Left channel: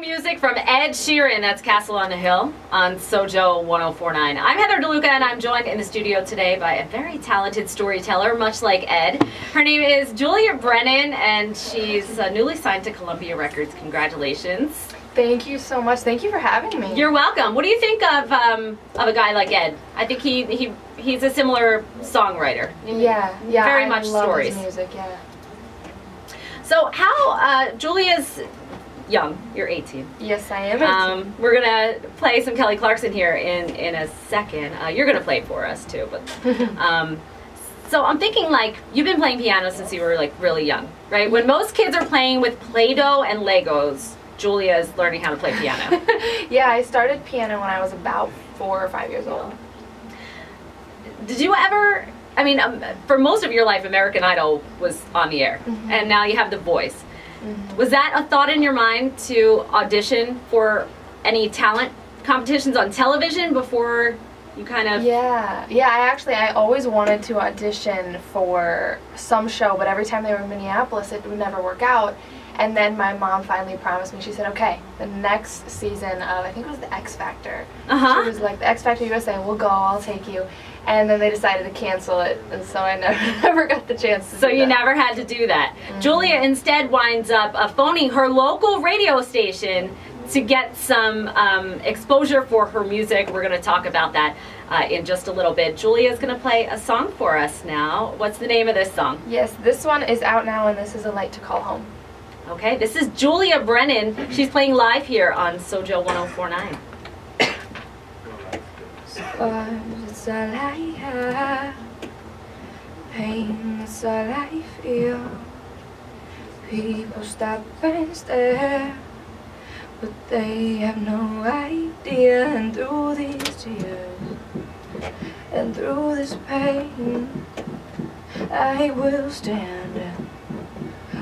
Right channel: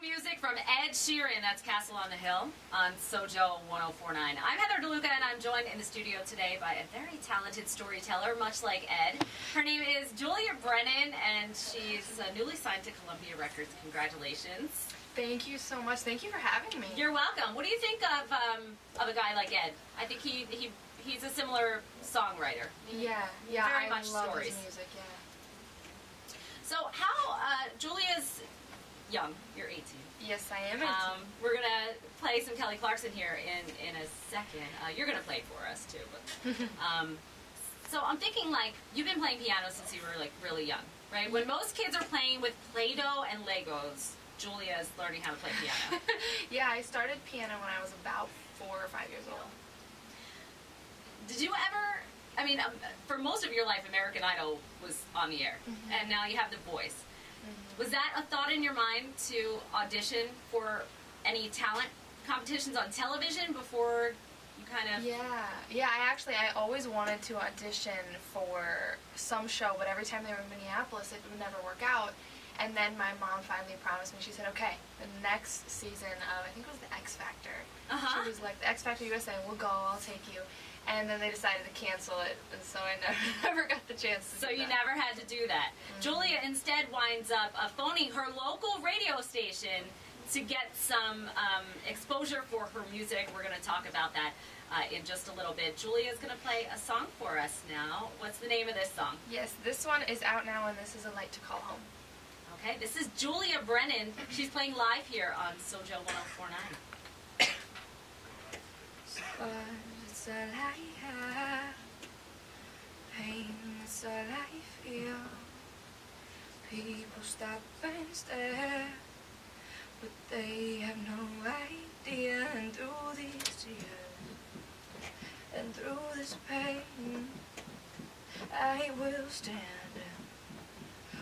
Music from Ed Sheeran. That's Castle on the Hill on SoJO 1049. I'm Heather DeLuca, and I'm joined in the studio today by a very talented storyteller, much like Ed. Her name is Julia Brennan, and she's newly signed to Columbia Records. Congratulations. Thank you so much. Thank you for having me. You're welcome. What do you think of a guy like Ed? I think he's a similar songwriter. Yeah. Very much I love stories. His music, yeah. So how Julia's young. You're 18. Yes, I am 18. We're gonna play some Kelly Clarkson here in a second. You're gonna play for us too, but so I'm thinking, like, you've been playing piano since you were like really young, right? When most kids are playing with Play-Doh and Legos, Julia is learning how to play piano. Yeah, I started piano when I was about 4 or 5 years old. Did you ever? I mean, for most of your life, American Idol was on the air, and now you have The Voice. Was that a thought in your mind to audition for any talent competitions on television before you kind of... Yeah, I always wanted to audition for some show, but every time they were in Minneapolis, it would never work out. And then my mom finally promised me, she said, okay, the next season of, I think it was the X Factor. She was like, the X Factor USA, we'll go, I'll take you. And then they decided to cancel it, and so I never got the chance to do that. So you never had to do that. Julia instead winds up phoning her local radio station to get some exposure for her music. We're going to talk about that in just a little bit. Julia's going to play a song for us now. What's the name of this song? Yes, this one is out now, and this is A Light to Call Home. Okay, this is Julia Brennan. She's playing live here on SoJO 1049. It's all I have, pain is all I feel. People stop and stare, but they have no idea. And through these tears, and through this pain, I will stand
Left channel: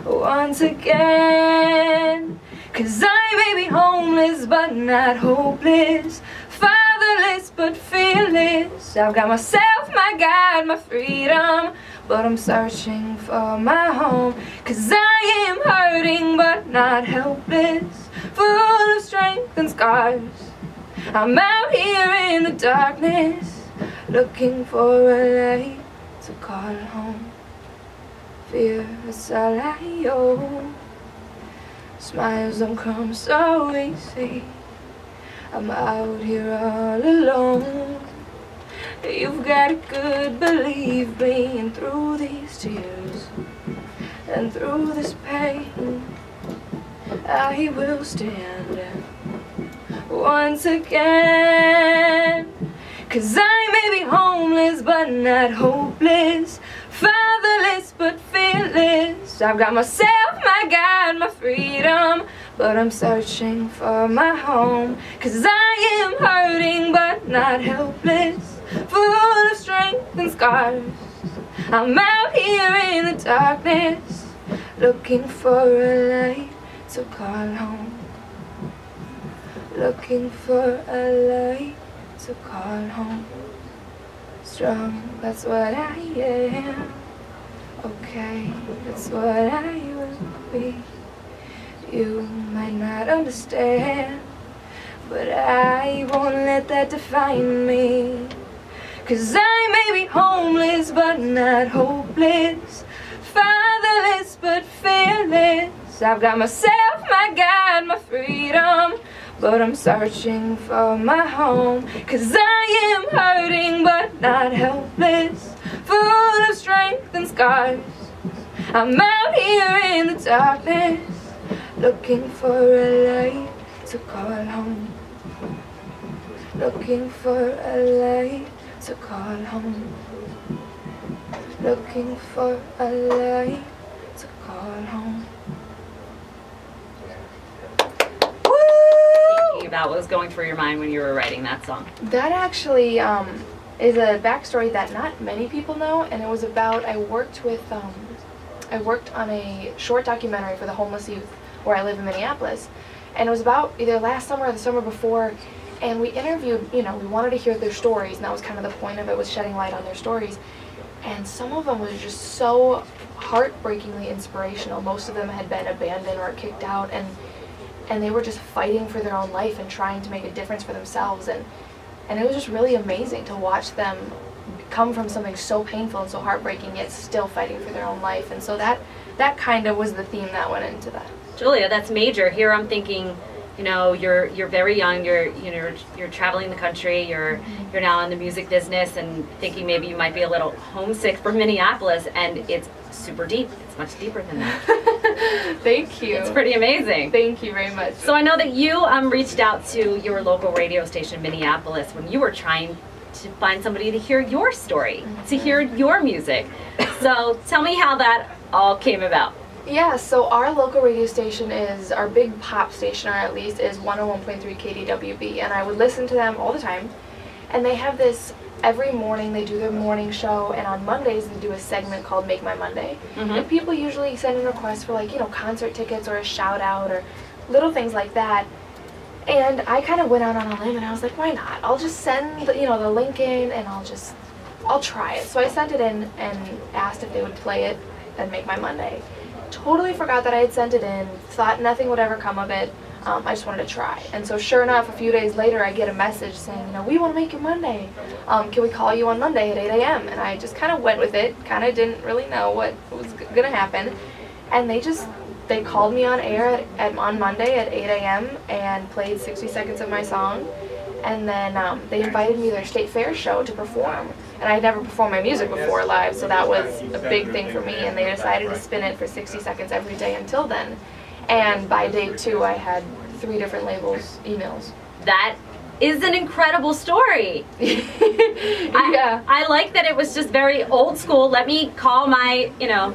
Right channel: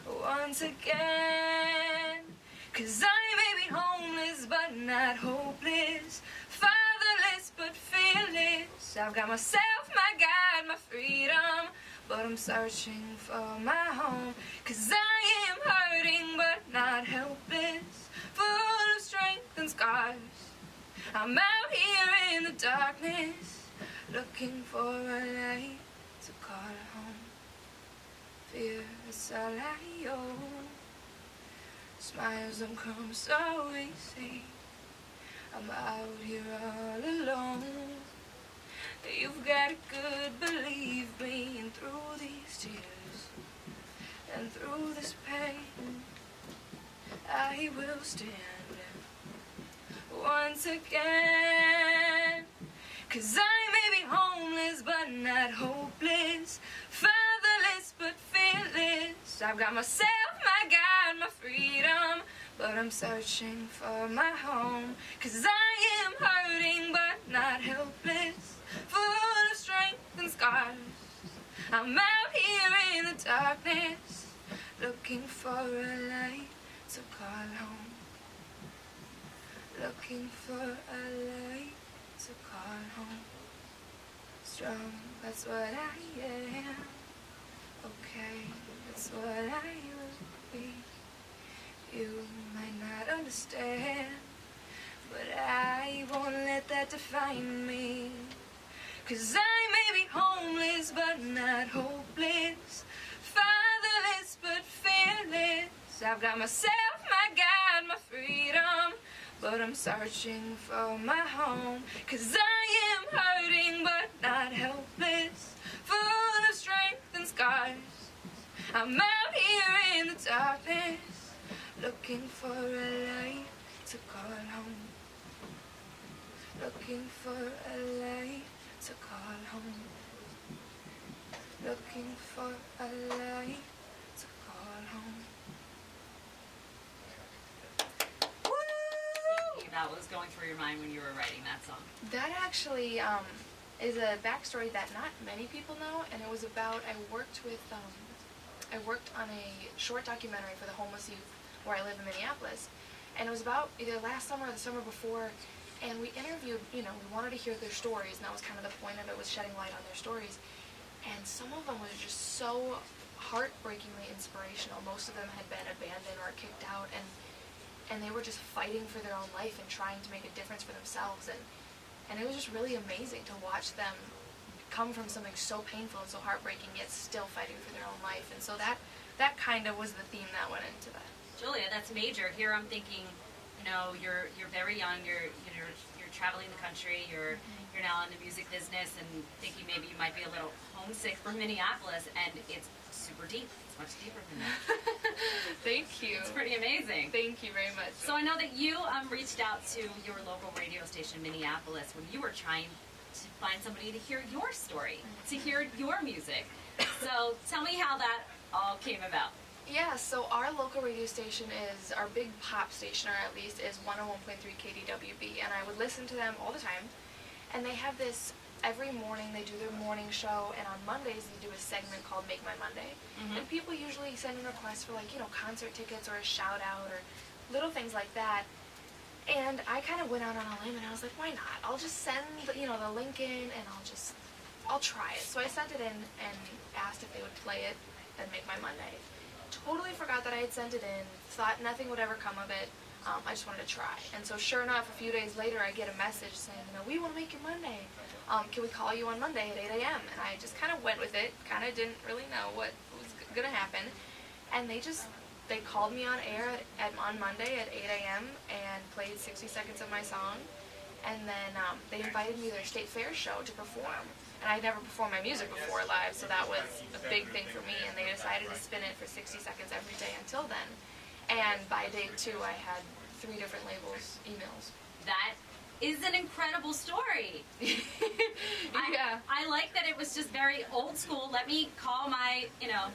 once again. 'Cause I may be homeless but not hopeless, fatherless but fearless. I've got myself, my God, my freedom, but I'm searching for my home. 'Cause I am hurting but not helpless, full of strength and scars. I'm out here in the darkness, looking for a light to call home. Fear is all I own, smiles don't come so easy. I'm out here all alone. You've got it good, believe me. And through these tears, and through this pain, I will stand once again. 'Cause I may be homeless but not hopeless, fatherless but fearless. I've got myself, my God, my freedom, but I'm searching for my home. 'Cause I am hurting but not helpless, full of strength and scars. I'm out here in the darkness, looking for a light to call home. Looking for a light to call home. Strong, that's what I am. Okay, that's what I will be. You might not understand, but I won't let that define me. 'Cause I may be homeless but not hopeless, fatherless but fearless. I've got myself, my God, my freedom, but I'm searching for my home. 'Cause I am hurting but not helpless, full of strength and scars. I'm out here in the darkness, looking for a light to call home. Looking for a light to call home. Looking for a light to call home. About what was going through your mind when you were writing that song? That actually is a backstory that not many people know, and it was about, I worked on a short documentary for the homeless youth where I live in Minneapolis, and it was about either last summer or the summer before, and we interviewed, we wanted to hear their stories, and that was kind of the point of it, was shedding light on their stories. And some of them was just so heartbreakingly inspirational. Most of them had been abandoned or kicked out, and and they were just fighting for their own life and trying to make a difference for themselves, and it was just really amazing to watch them come from something so painful and so heartbreaking, yet still fighting for their own life. And so that kind of was the theme that went into that. Julia, that's major. Here I'm thinking, you know, you're very young. You're traveling the country. You're now in the music business, and thinking maybe you might be a little homesick for Minneapolis, and it's super deep. It's much deeper than that. Thank you. It's pretty amazing. Thank you very much. So I know that you reached out to your local radio station, Minneapolis, when you were trying to find somebody to hear your story, to hear your music. So tell me how that all came about. Yeah, so our local radio station is, our big pop station, or at least, is 101.3 KDWB, and I would listen to them all the time. And they have this, every morning they do their morning show, and on Mondays they do a segment called Make My Monday. And people usually send in requests for, like, you know, concert tickets or a shout out or little things like that. And I kind of went out on a limb and I was like, why not? I'll just send, you know, the link in, and I'll try it. So I sent it in and asked if they would play it and Make My Monday. Totally forgot that I had sent it in, thought nothing would ever come of it. I just wanted to try. And so sure enough, a few days later I get a message saying, you know, we want to make your Monday. Can we call you on Monday at 8 a.m.? And I just kind of went with it, kind of didn't really know what was going to happen. And they called me on air on Monday at 8 a.m. and played 60 seconds of my song. And then they invited me to their state fair show to perform. And I had never performed my music before live, so that was a big thing for me. And they decided to spin it for 60 seconds every day until then. And by day 2, I had 3 different labels' emails. That is an incredible story. Yeah. I like that it was just very old school. Let me call my, you know,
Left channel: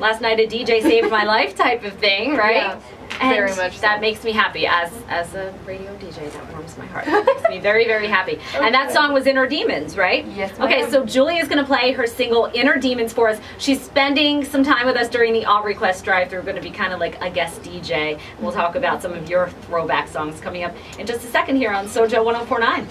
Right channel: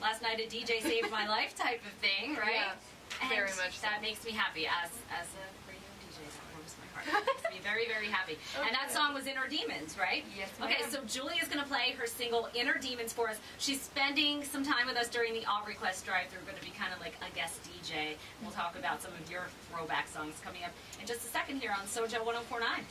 last night a DJ saved my life type of thing, right? Yeah, very much so. That makes me happy. As a radio DJ, that warms my heart. That makes me very, very happy. Okay. And that song was Inner Demons, right? Yes, ma'am. Okay, so Julia's going to play her single Inner Demons for us. She's spending some time with us during the All Request drive-thru. We're going to be kind of like a guest DJ. We'll talk about some of your throwback songs coming up in just a second here on SoJO 104.9.